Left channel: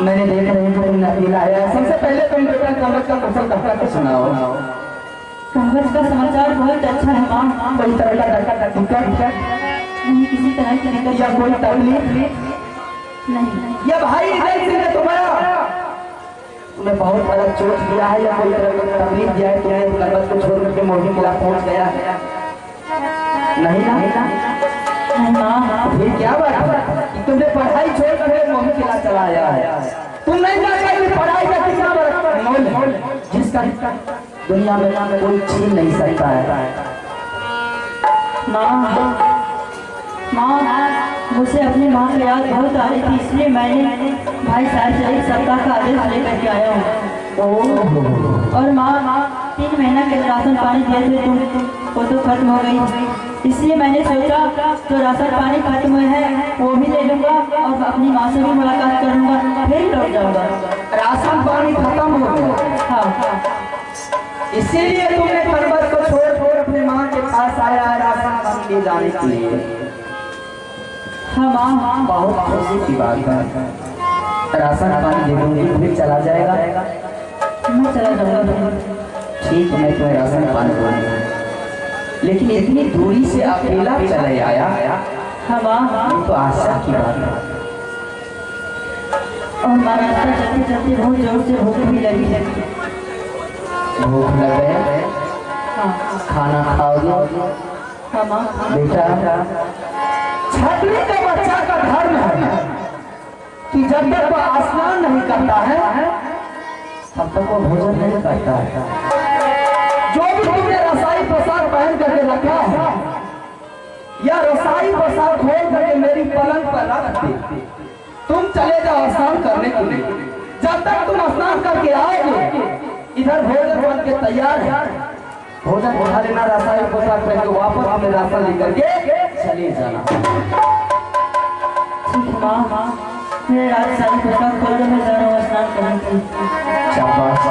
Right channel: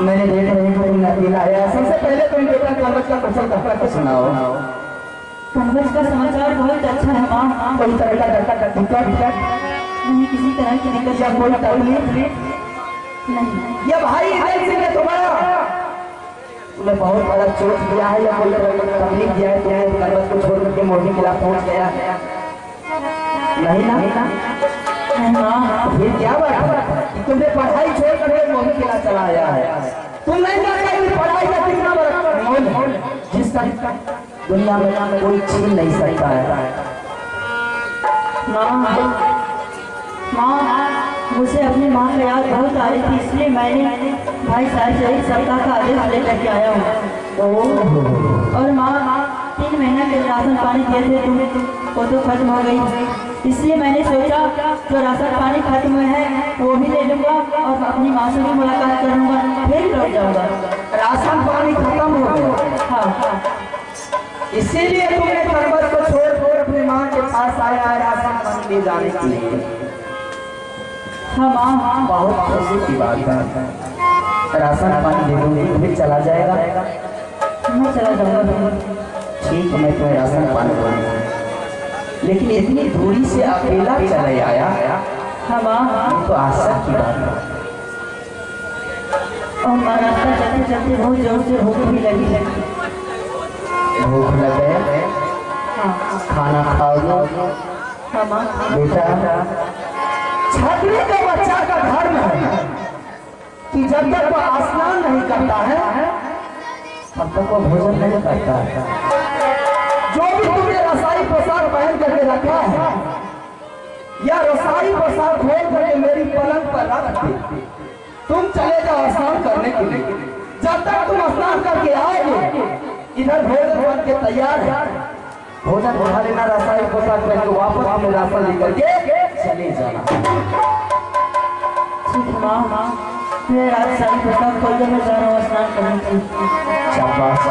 मैंने देख रही हूँ नबीला है। सबसे पहले तुम बेटा कागज का कुशल कहकर सुनाओ। कागज का समाचार बहुत अच्छा है माँ। कोई तरह का दिक्कत नहीं, किसी तरह की दिक्कत या कोई तकलीफ नहीं। या भाई इधर तुम्हारा तुम्हें बहुत बड़ा चोट दिया है या कोई तरह का तकलीफ दिया है, तुम्हें कागज को छोड़ करके मोहिनी के खिलाफ पहुंच गया है? नहीं ना माँ। फिर क्या बात है कि तुमने पढ़ाई छोड़ कर मोहिनी के खिलाफ चला आया है? तुम नहीं जानते कि पढ़ाई का कितना बड़ा मोल है जिसका दुनिया में कोई छीन नहीं सकता है। माँ मुझे अपनी माँ की याद बहुत आ रही थी, इसलिए मैंने भाई साहब से एक सप्ताह का आदेश लेकर के आया हूँ। और माँ 3 महीना के राशन पानी दिए थे तुम, वो तो खत्म हो गई, इसलिए मैंने सोचा जो राशन पानी खत्म हुए हैं वो भी ले लूँगा और अपनी माँ से भी मुलाकात करूँगा, फिर लौट जाऊँगा। राशन पानी खत्म हो गया? हाँ, इसीलिए तुमने पर्वत को छोड़ अपने माँ के पास आया राशन पानी ले जाने के लिए। हाँ माँ, बहुत खुशी की बात है। राशन पानी ले लूंगी फिर चला जाएगा? मैं चला जाऊँगा। ठीक है, मैं तुम्हें राशन पानी दूंगा, लेकिन इतनी दूरी से अकेला चले आया? हाँ माँ, तो आशा की बात है। और माँ रास्ता चलते चलते बहुत जोर से भूख भी लगी। भूख लगे? हाँ खाना खाओगे? हाँ माँ। बेटा छतरी का बच्चा का धर्म है कि जब तक वो स्नान नहीं करता है तब तक वो भोजन नहीं करता है। जो भी तुमने रसाई पोशाक पहन करके रखा है या रसाई पोशाक खोल करके मेरी पलंग पर रख दी, तुम चले जाओ स्नान करने के लिए। जब तक तुम स्नान करके आओगे इधर भोजन बन के तैयार है, भोजन उठा लेना, रसाई पोशाक पहन के वापस अपने रास्ता लेकर के चले जाना। ठीक है माँ, मैं रात सारी पोशाक खोल कर मैं जा रहा हूँ स्नान करने के लिए। शाबाश।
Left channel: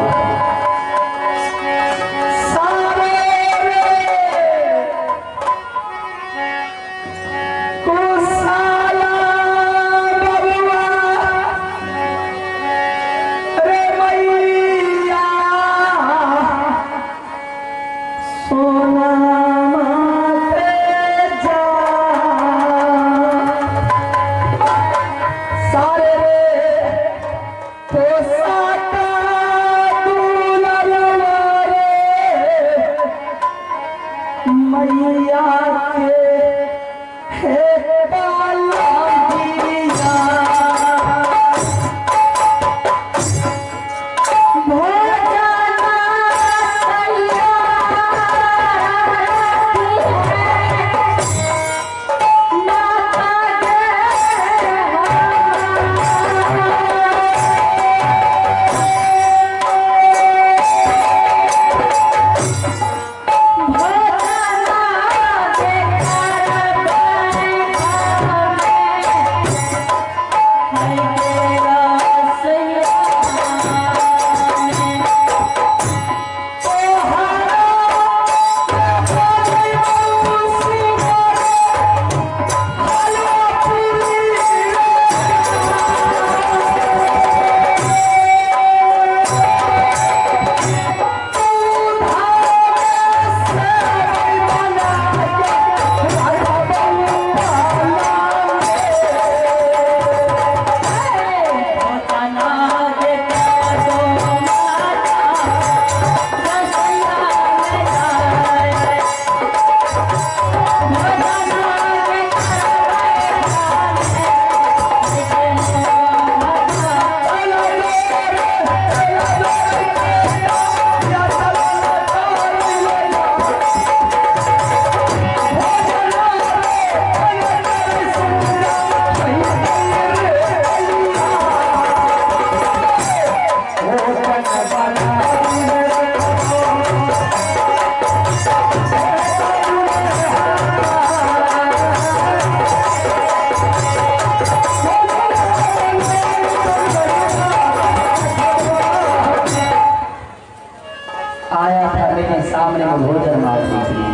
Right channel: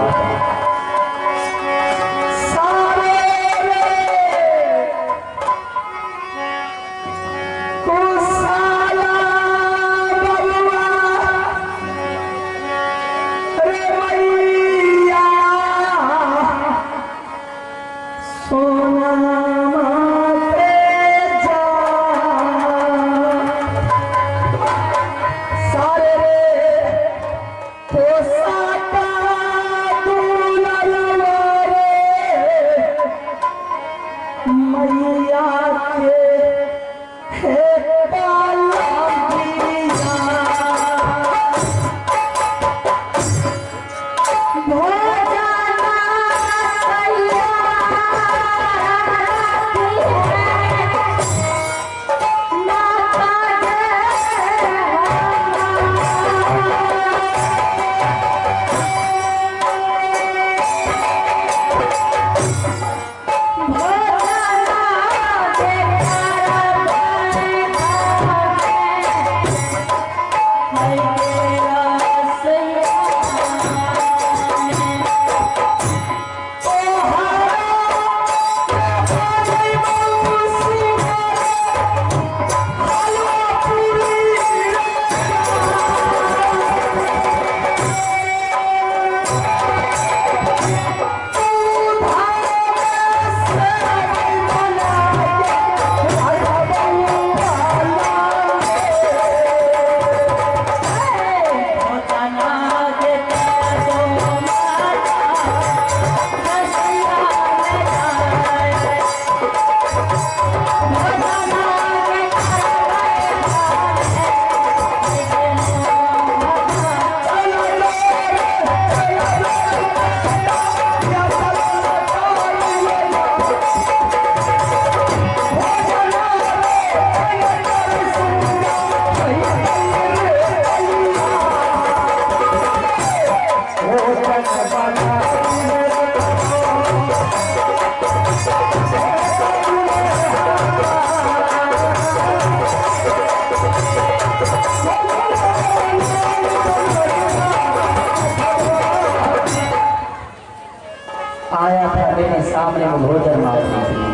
सामने में भोजन मार दीजिए।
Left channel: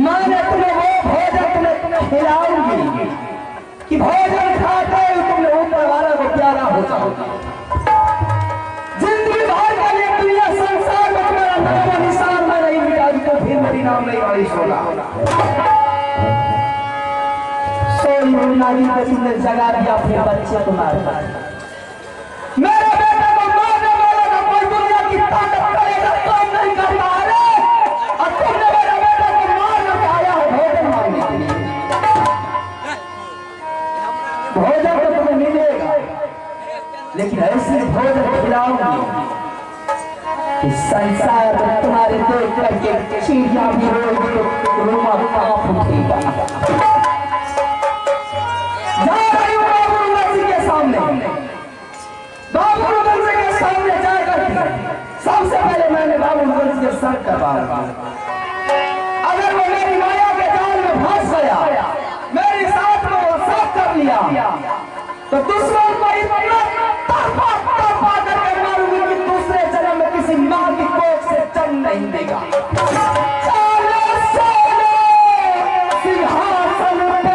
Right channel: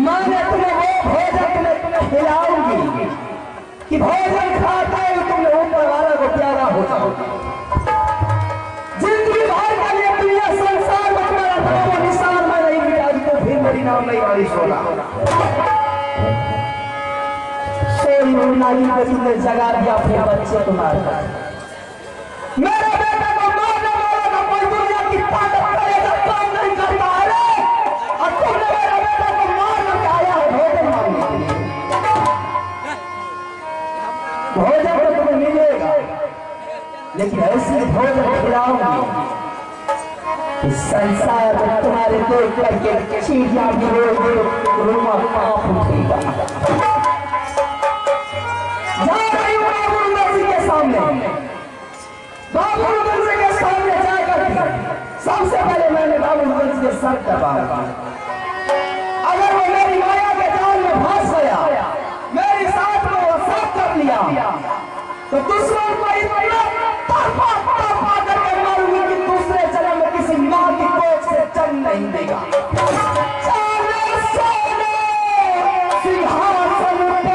मैंने तुम्हें वो भोजन तुम्हें खिलाऊंगी कि तुमने जगा दिया अपने बच्चे को मारकर। मेरे बेटे को मारने वाला का कोई दुनिया की ताकत करेगा काम नहीं करता है रे। और तुमने मेरे बेटे को मारने के आया है भोजन मांगने के लिए। भोजन तो तुम्हें मिलेगा, लेकिन ऐसे भोजन खिलाऊंगी कि संसार में तुम्हारे देख करके चीज़ां भी रोगी रूमा कांप उठेगा। जा रही हूँ बाबू नरसिंह के सामने, बाबू नरसिंह के सामने जाकर सबसे पहले मैंने बाबू नरसिंह के सर दबाया। अगर वो मेरी माया के जाल में फंस गया, मेरी साथ में वो सब कर लिया, तो दुश्मन को इतना तरफा करके मारूंगी कि दूसरे जन्म में किसी माँ की कोख से जन्म नहीं देगा। सिंहासन पर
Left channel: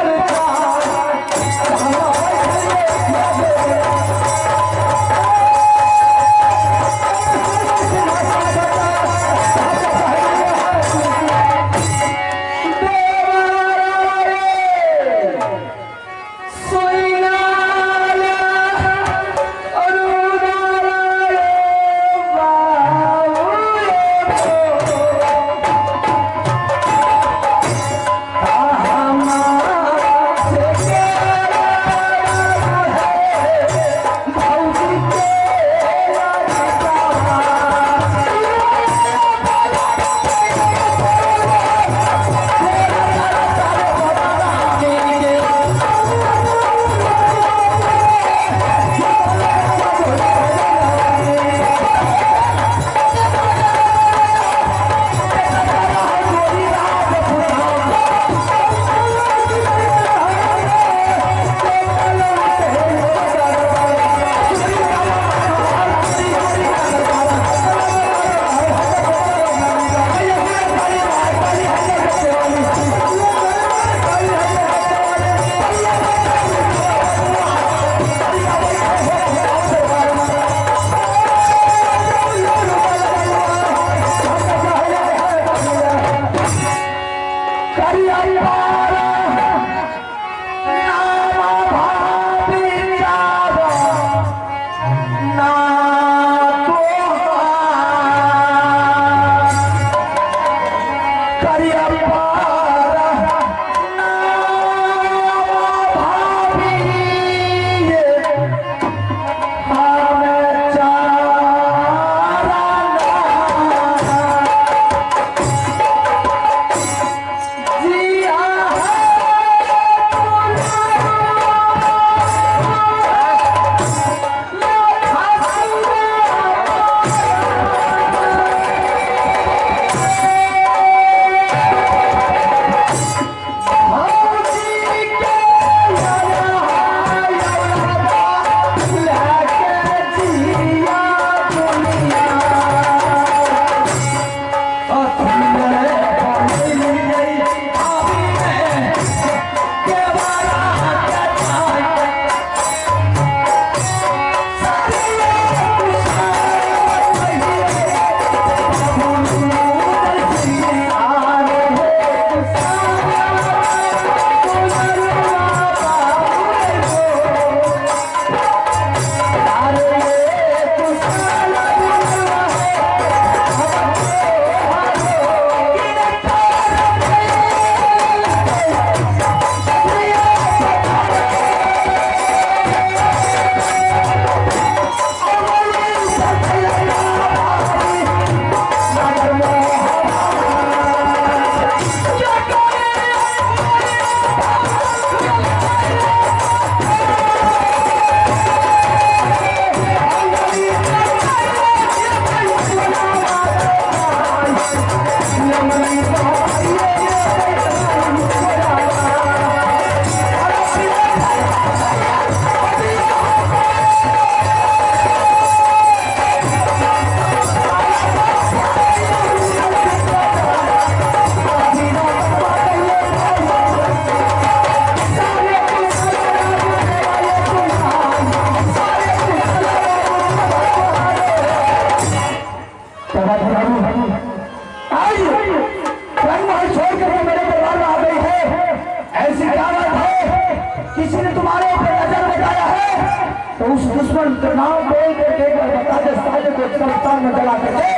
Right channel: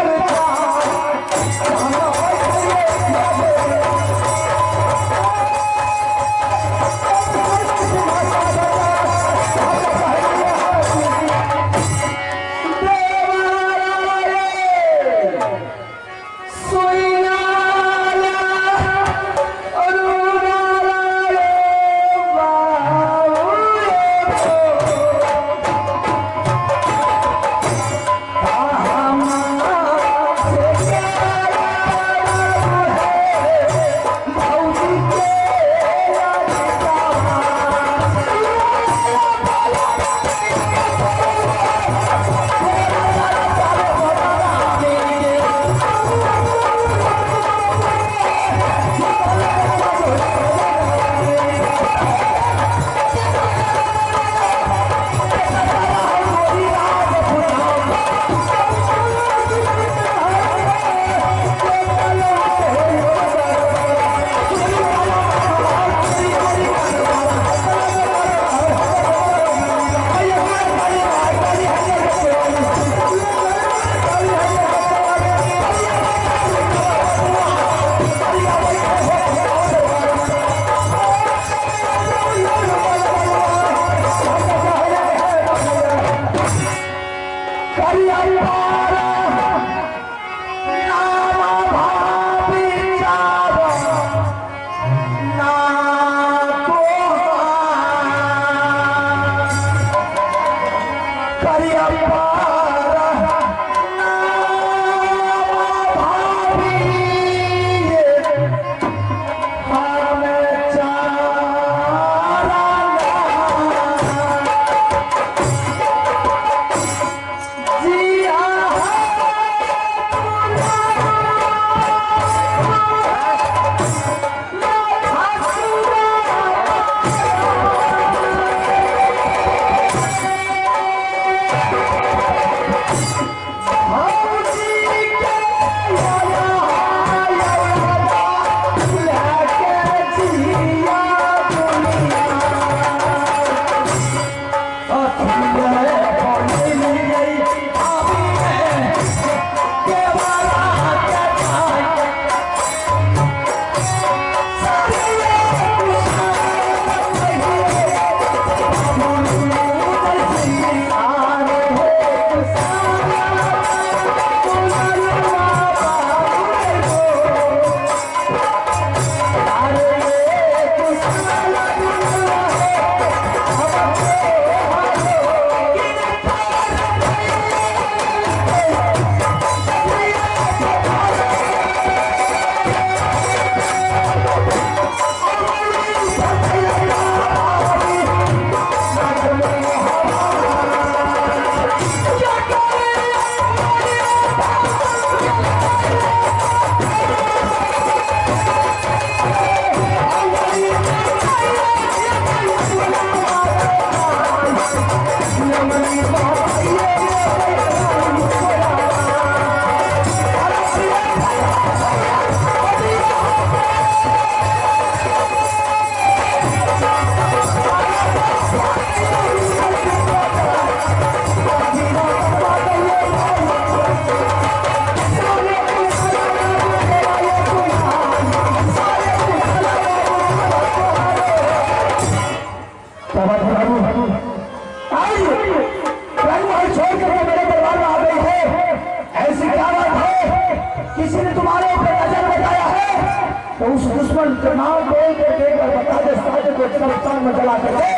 तो उस दुश्मन का नाम बोल करके एक बार बता दे, साले को कब्रिस्तान में जला करके।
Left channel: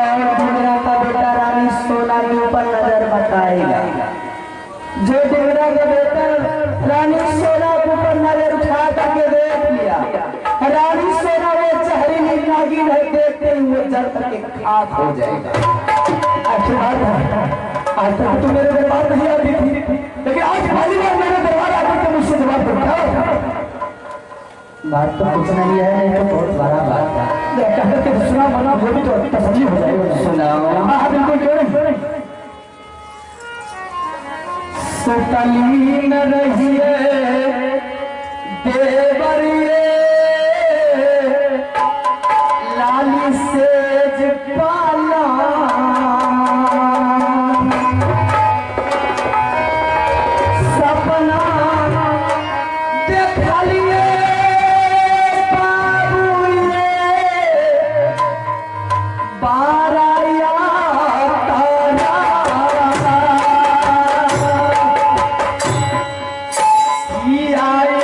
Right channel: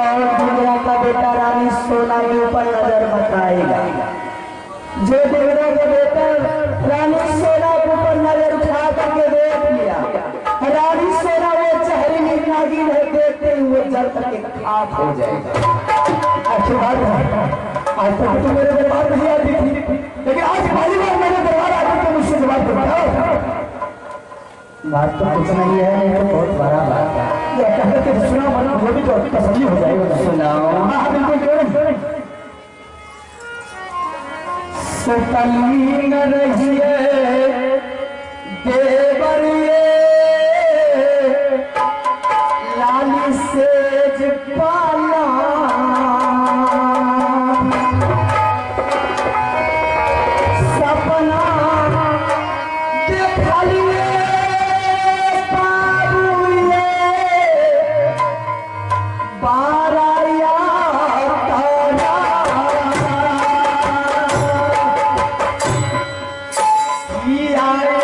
और दुनिया का बेटा रानी सोना के ऊपर नजर बताएगा। जो देवरा का बेटा रानी सोना के ऊपर नजर उठा करके देख लिया, रानी सोना वो चेहरी नागिन है, देखते ही वो जल करके खाक हो जाएगा। अच्छी बात है, आज तक तो मेरे दरबार नहीं आती थी, लेकिन आज पहली बार मेरे दरबार आती तो मुझसे जवाब दो। बात तो कुछ नहीं है, ये तो बहुत बड़ा बात है। कहते थे सुना मना वो भी तो तसल्ली हो जाएगा। सुनाओ। हाँ बिल्कुल क्यों सुतली न रहिए देवरिए लाली सेज पाला सपना देखा लिए बाबूए बाराया तारा की आए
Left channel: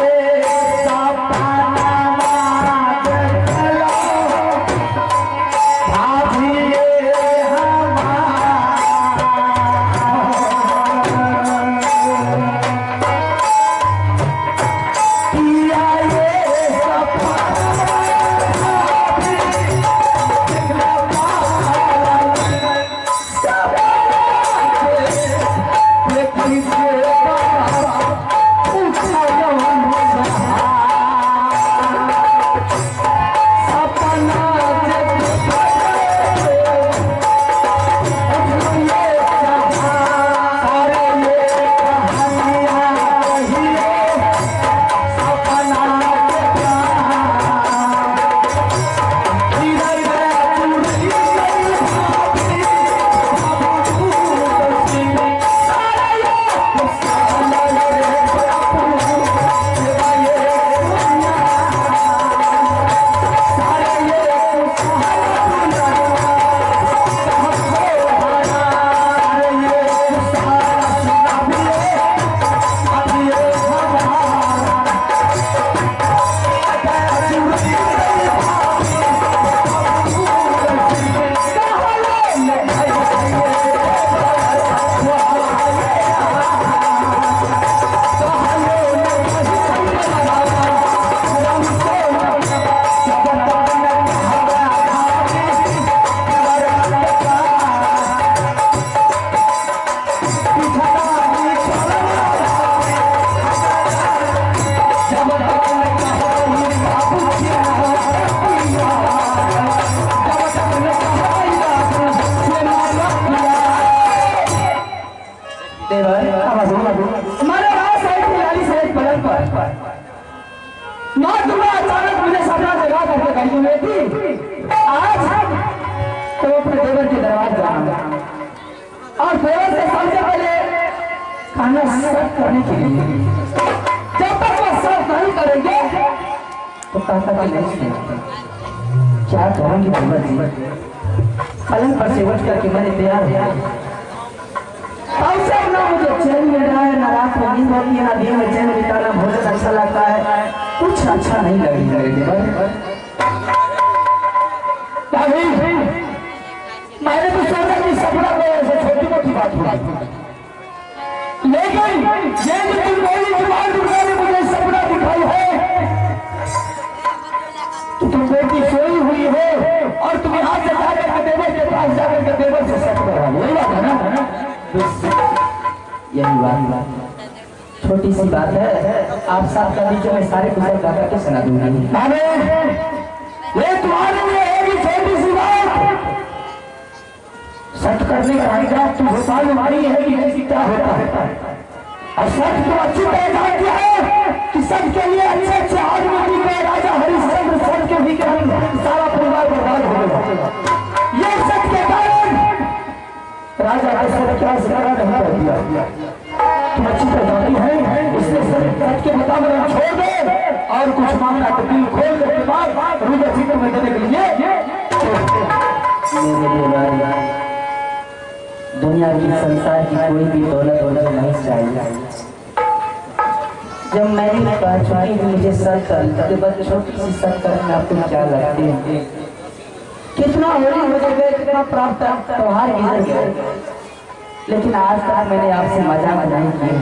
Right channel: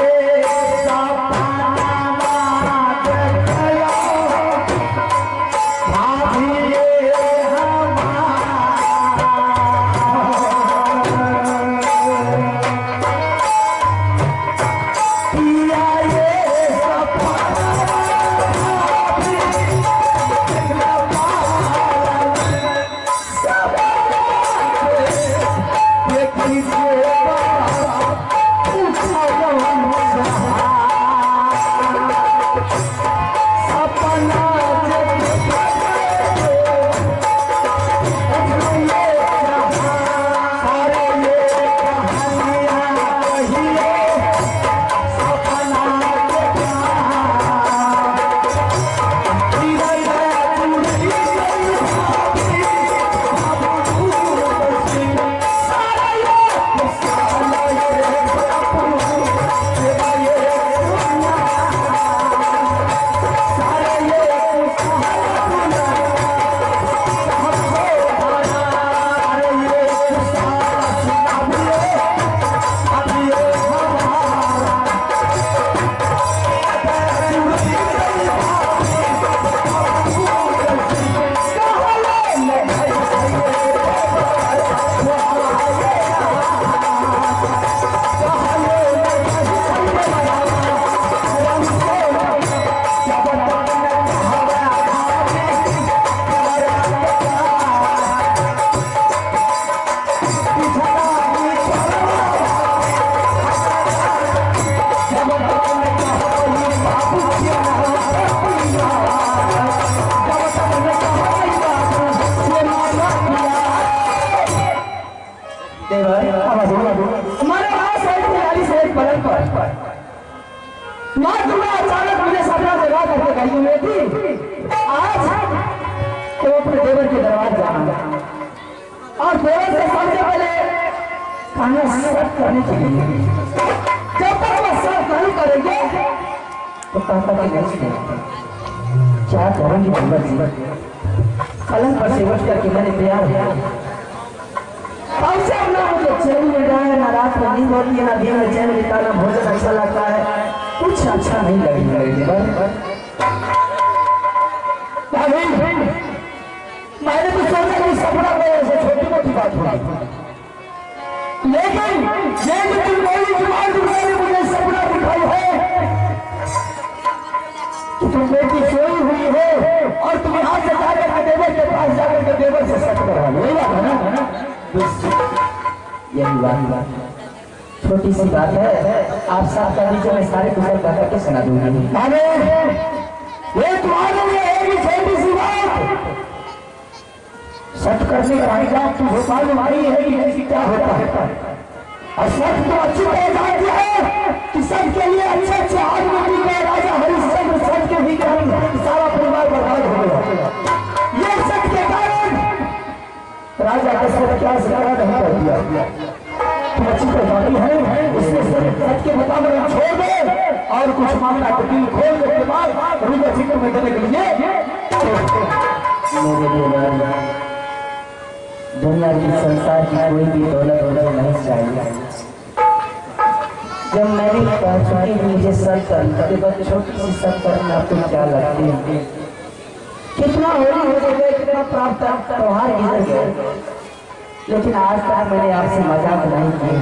हमारे राज साइड खिलाड़ी साइड पलट पर माँ दुर्गा अचानक मुझे सपना जगा करके गई हुई थी। आज तो अपने देवर के दरबार जाना और देवर से सबसे पहले खाना सर्व करने के लिए, जब तक वो सर्व नहीं करेंगे तो ताकत नहीं है। क्या करेंगे देवर जी? पलंग पर से उठ करके मैंने तैयार है। ना मुझे चैन मिल रहा है, ना रात में नींद होती है, ना दिन में चैन बिताना भोजन अच्छा लगता है, कुछ अच्छा नहीं लगेगा। मैंने तो सोचा कि सपना में ऐसे छोटी मोटी बात होगी, लेकिन ये जो तुम बोली जुबान दुर्गा ने मुझे सपना दिखाई है कि तुम बेटी सोई हुई हो और तुम यहाँ से जाकर के देवर के पास जाकर के देवर से सच करा, यही बात है ना? यही बात छोटी सी बात है, आप साथ का बीच में सारे कुशल गा करके सुना दूंगी। ये तुम्हारे लिए एक छोटी सी बात सच करने का अधिकार तुम भोपाल में मारी है कि नहीं, क्या होता है? और सच तो अच्छी तरह जानती है कि सच के लिए अच्छे अच्छे आदमी भी गए, राजा हरिश्चंद्र सच के भी गए, सारा परिवार बर्बाद हो गया। ये सच के कारण राजा दशरथ क्या सिखाना नहीं कर दिया। तुम अच्छी तरह जानती है, इसलिए सच के मुताबिक छोड़ दे और कुछ मामला को दिल खोल के बाद रुद्र चित्र में देने के लिए दुनिया की संसार की कोई भी दौलत नहीं चाहिए। जब मैंने कहा चुकी मुझे सर करते बाद छोटी सी सर करने आपको क्या लगती है? कितना होली हो गए, कितना प्राप्त त्योहार गुजर गए, लेकिन आज तक मैंने आपसे मजाक नहीं किया।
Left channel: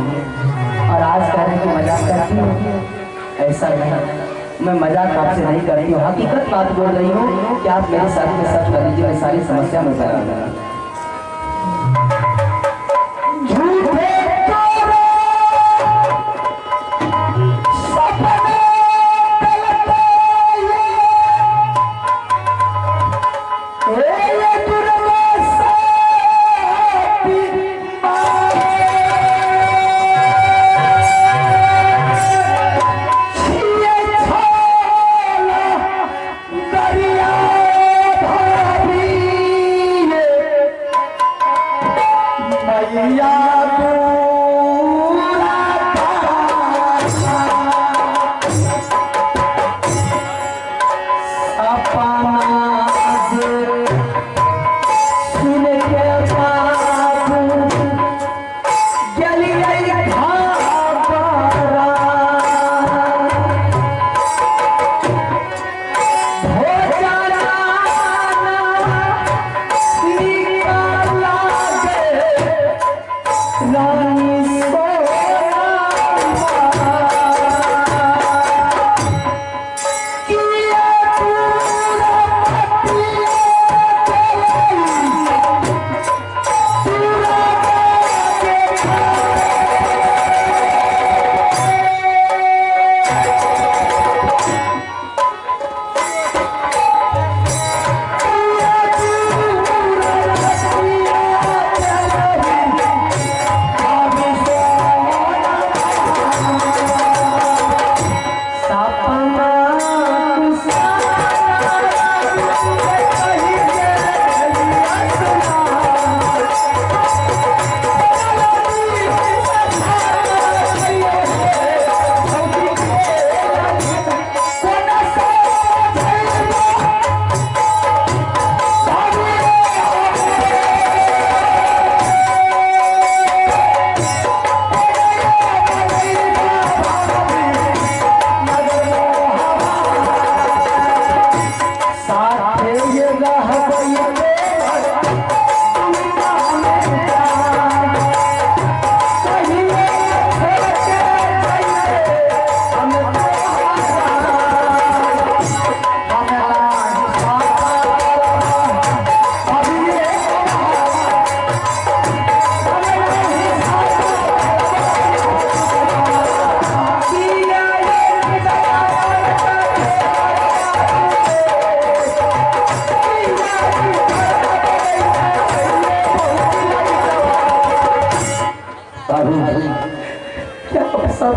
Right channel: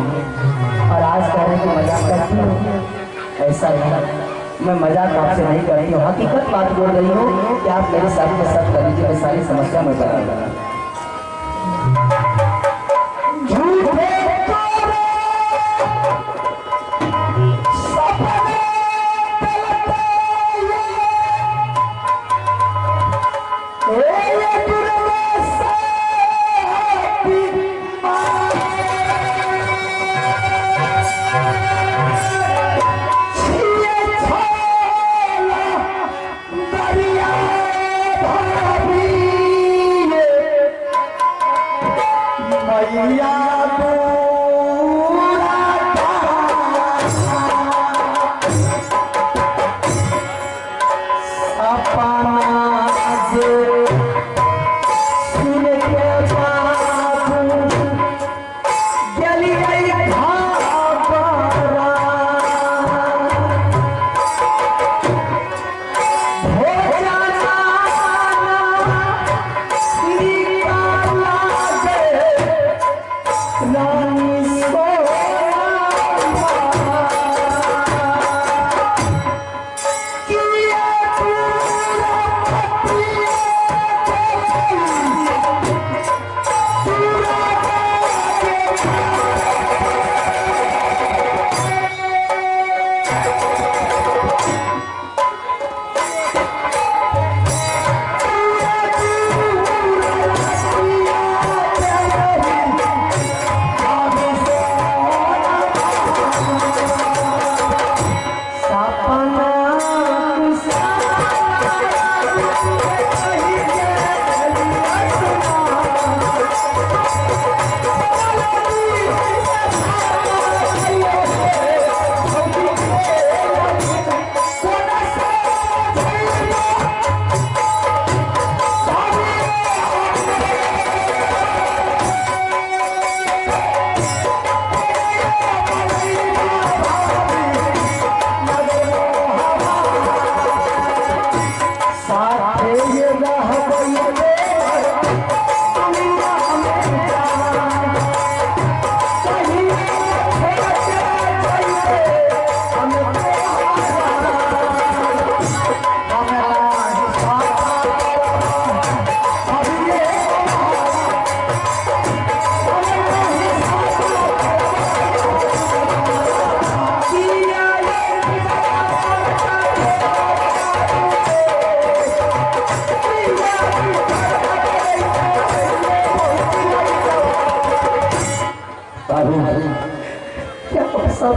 और आज कह रहे कि मजाक करती हूँ, ऐसा नहीं, मैं मजाक आपसे नहीं करती हूँ, हकीकत बात बोल रही हूँ कि आप मेरे साथ में सब कर लीजिए, मैं सारी समस्या में बता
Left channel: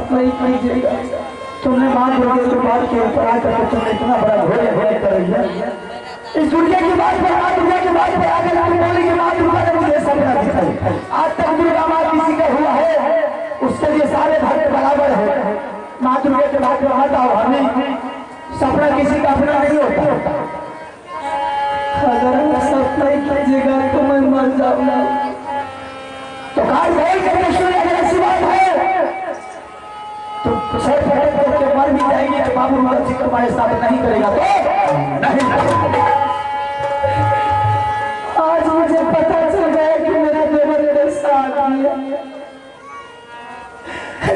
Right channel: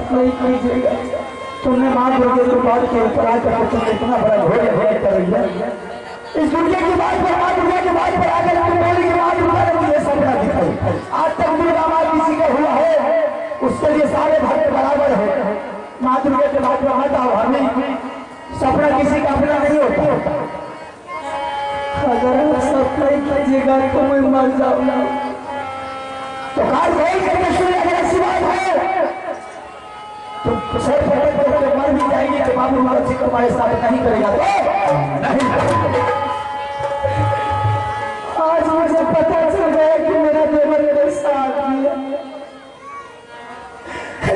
नहीं कीजिएगा। तुमने मां दुर्गे की बात के ऊपर आकर तुमने इतना बड़ा घोड़े घोड़े कर दिया। इस दुर्गा की बात पर मां दुर्गा की बात पर आकर तुम बोली कि मां दुर्गा ने मुझे सपना दिखाई। आज तक दुर्गा मां किसी का हुआ है, उसके लिए सारे भक्त बराबर है। मां दुर्गा के बात पर आता हो, हमें सपना किसी का अपना नहीं होता। अगर सपना ही कीजिएगा तो मैं मर जाऊंगा। तो काल बोल करके सुनिए, अगर ऐसी बात है तो मर भी जाएंगे तो बाबू जी को हमारे साथ नहीं करेगा तो नहीं। आज मुझे पता चल गया कि मेरा देवर कैसा आदमी है।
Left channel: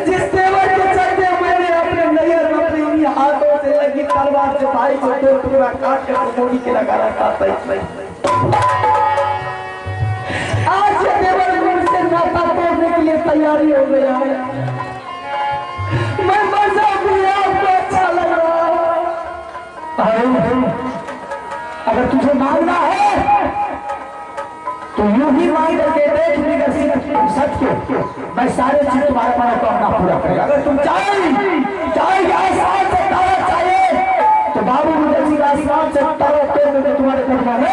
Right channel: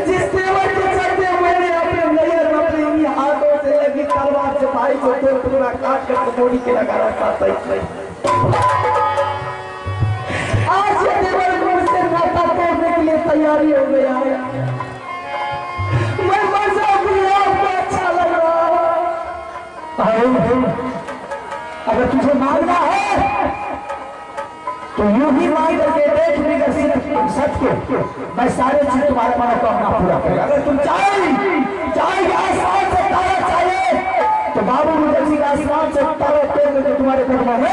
जिस देवर के चलते मैंने अपने नैयर में अपने हाथों से लगी तलवार से भाई को दो टुकड़ा काट कर गोली के लगा रखा था। आज ये देवर मुझसे नाता तोड़ने के लिए तैयारी हो गया है। मैं मजाक में आपको अच्छा लग रहा। अगर तुझे मांगना है तो यूं ही मांग करके देख लेगा सत्य, मैं सारे चीज तुम्हारे मनोकामना पूरा करूंगा। अगर तुम चाहे आसमान से तारा चाहिए तो बाबू मुझे जी आसमान से तारा तोड़ करके तुम्हारे दरबार में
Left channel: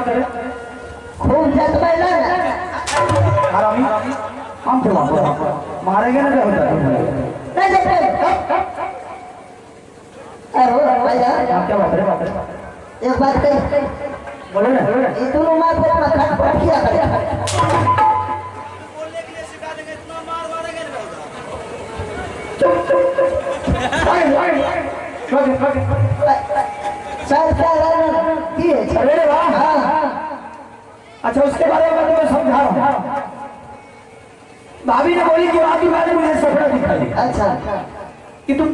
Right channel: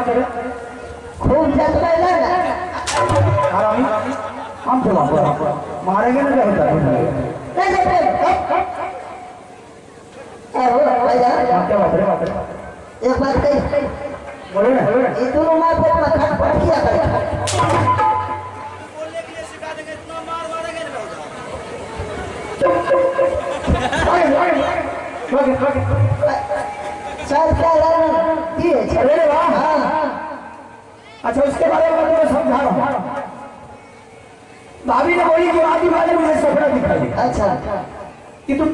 करे खूब जतबे ना हरामी हम तो मारेंगे ना क्या होता नहीं जतबे अरे भैया क्या बात है एक बात कही बोलो ना ये दोनों मार पे मत खट किया करे चल क्या अरे वाह अच्छा उसके बारे में मैं समझा रहा हूँ भाभी ने बोली कि आपकी बात मुझे सपना दिखाई अच्छा कि तुम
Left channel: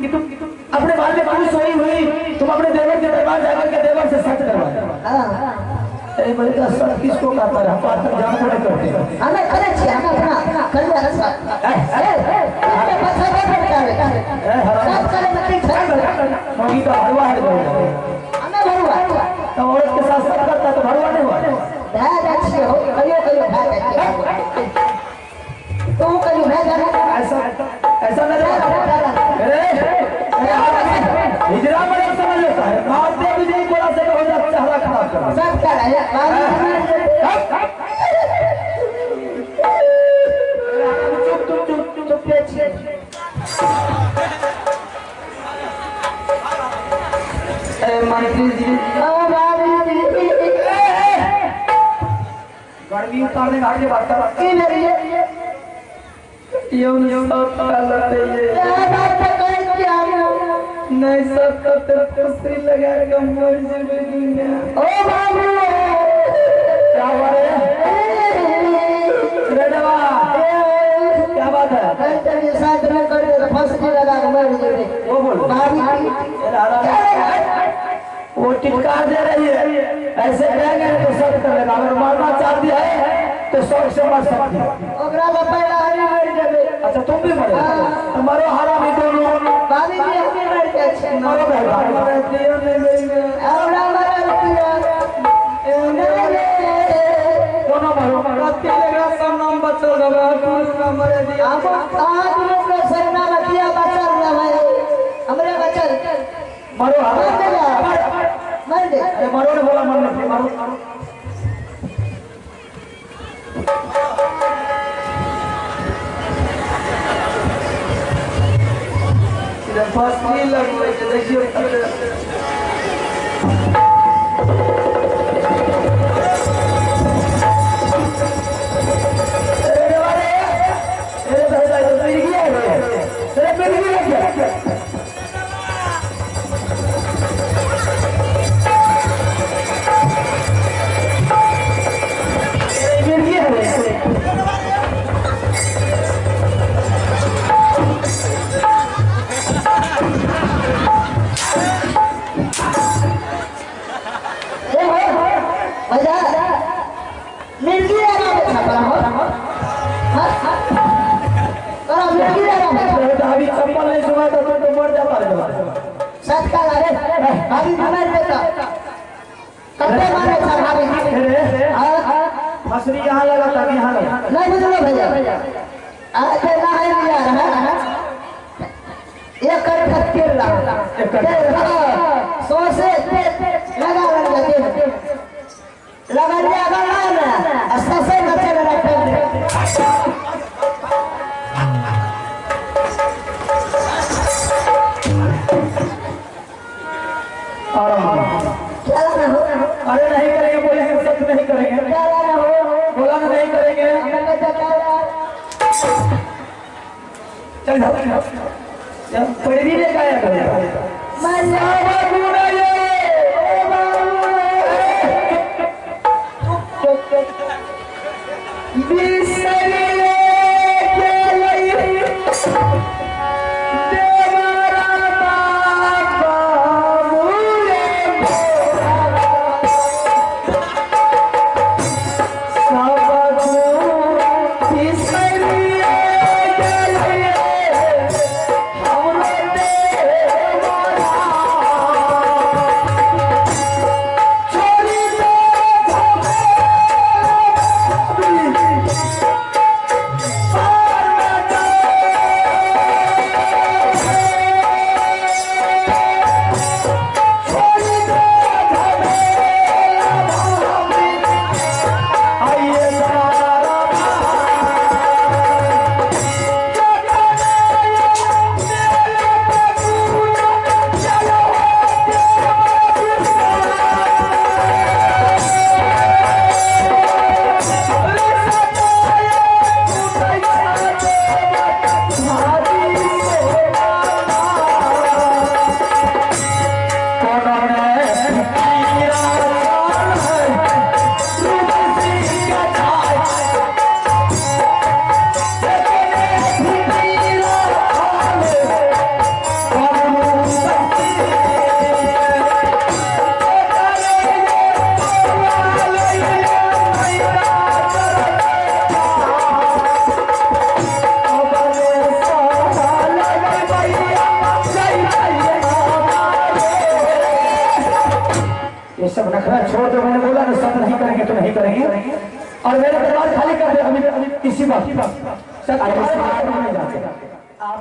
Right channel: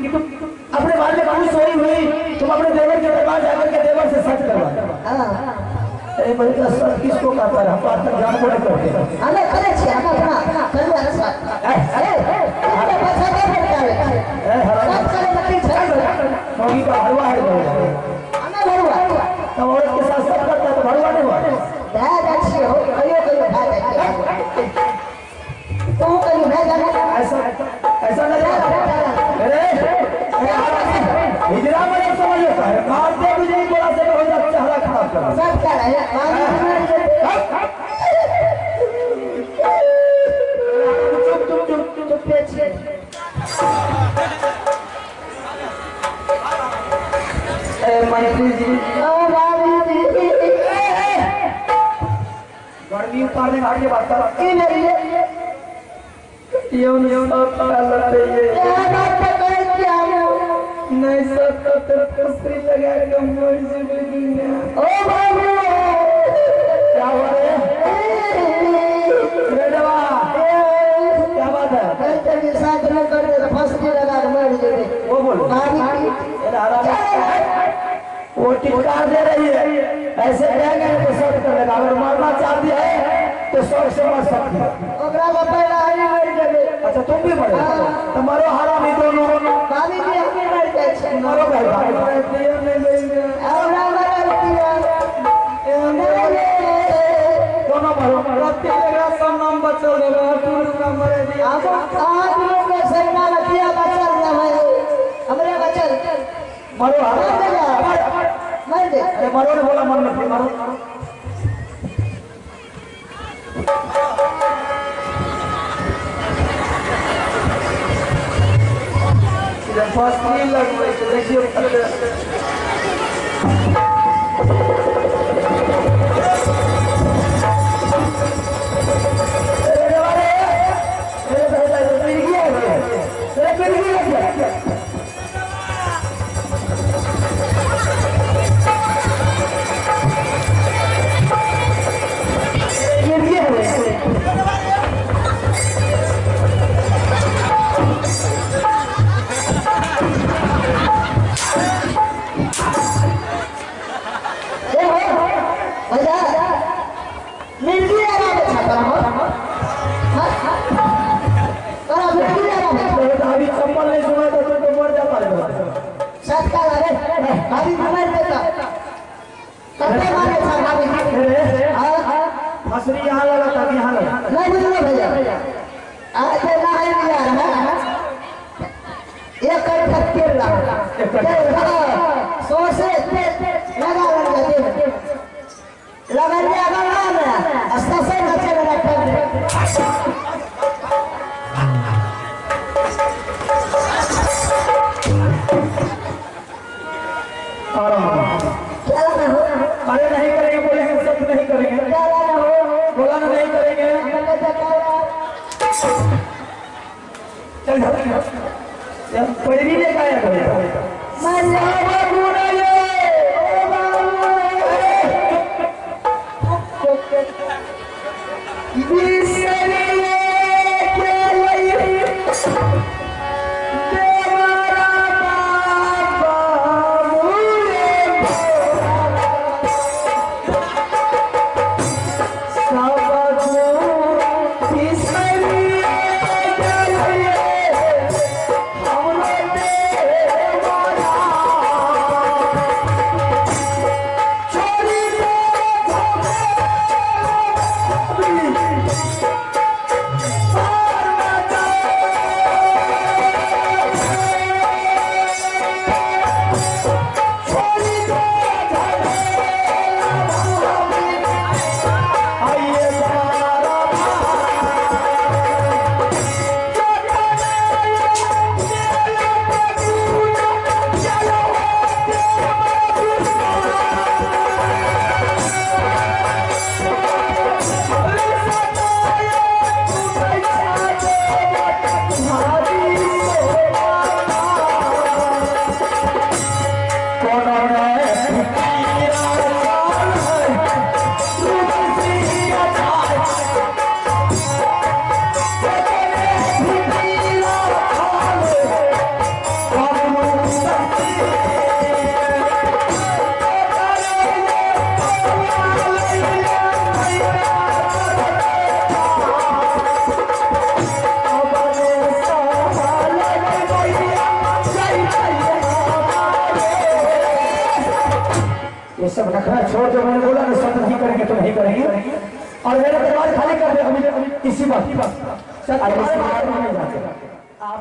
अपने बाल में खुश सोई हुई तुम अपने देवर के दरबार जाकर के देवर से सच करवा अरे भाई का सच किसको कहता है हम बात जान को करते हैं हमें करे छे हम अपना कर ले सच अरे पछा नहीं करता है सब करे नहीं छे मोगी का भरवा है हमें भरवा तो औरत के साथ सब करता तो भरवा नहीं हुआ भाग अच्छी हो कहियो भाग तुम कहियो भाग ऐसा हिजरा में समझ लेता है मारते मुझे बोला से हो जाता चेहरा खराब कर सब कर है चुप मंत्री जी गर्मी उतारने का आगे बात कर नहीं सब कसरी लगा के मर जाएंगे ओ बाबू क्या हुआ रे देवा क्या बात है तेरे साथ में कर दे फांसी लगा के मर जाए वो बोल वो टिटकार दे रही है ऐसे कहेंगे तो सब कर लेगा अगर मारना चाहती है तो सब से मर सकती है ओकरा का पहला हरी मर जाए अच्छा तुम भी मरो तुम्हारो हरामी दोनों बाबी भी हमें मर जाए मरो भाई दियो नहीं लेंगे औरा मर दिया दोनों मरो रात का सब नाम बचल लगा पूरा मर दिया अब आज लोग का सरना लतिया बचल ना है हमरे बचल मरो मर दे अरे मरो ने बोला मर नहीं मरो फांसी लग गई तो देखिए अभी चप्पल नहीं सुना था तो मर जाता है सच का रे भाभी हमारे बेटा कते मारे था भाभी हसरी यहाँ लगा था यहाँ लगा नहीं बुझलो भैया आज ना है यार एक कर तेल सो से लगा दिया ना अस्ता से बच्चे रखा अरे नहीं करेंगे बोलेंगे सब नहीं करेंगे बोला ना नहीं करेंगे चल पैरी ले गाया नहीं करेंगे और मेरा परिवार खाली कर दे अभी इसी बात। चल आगे नहीं जाते आप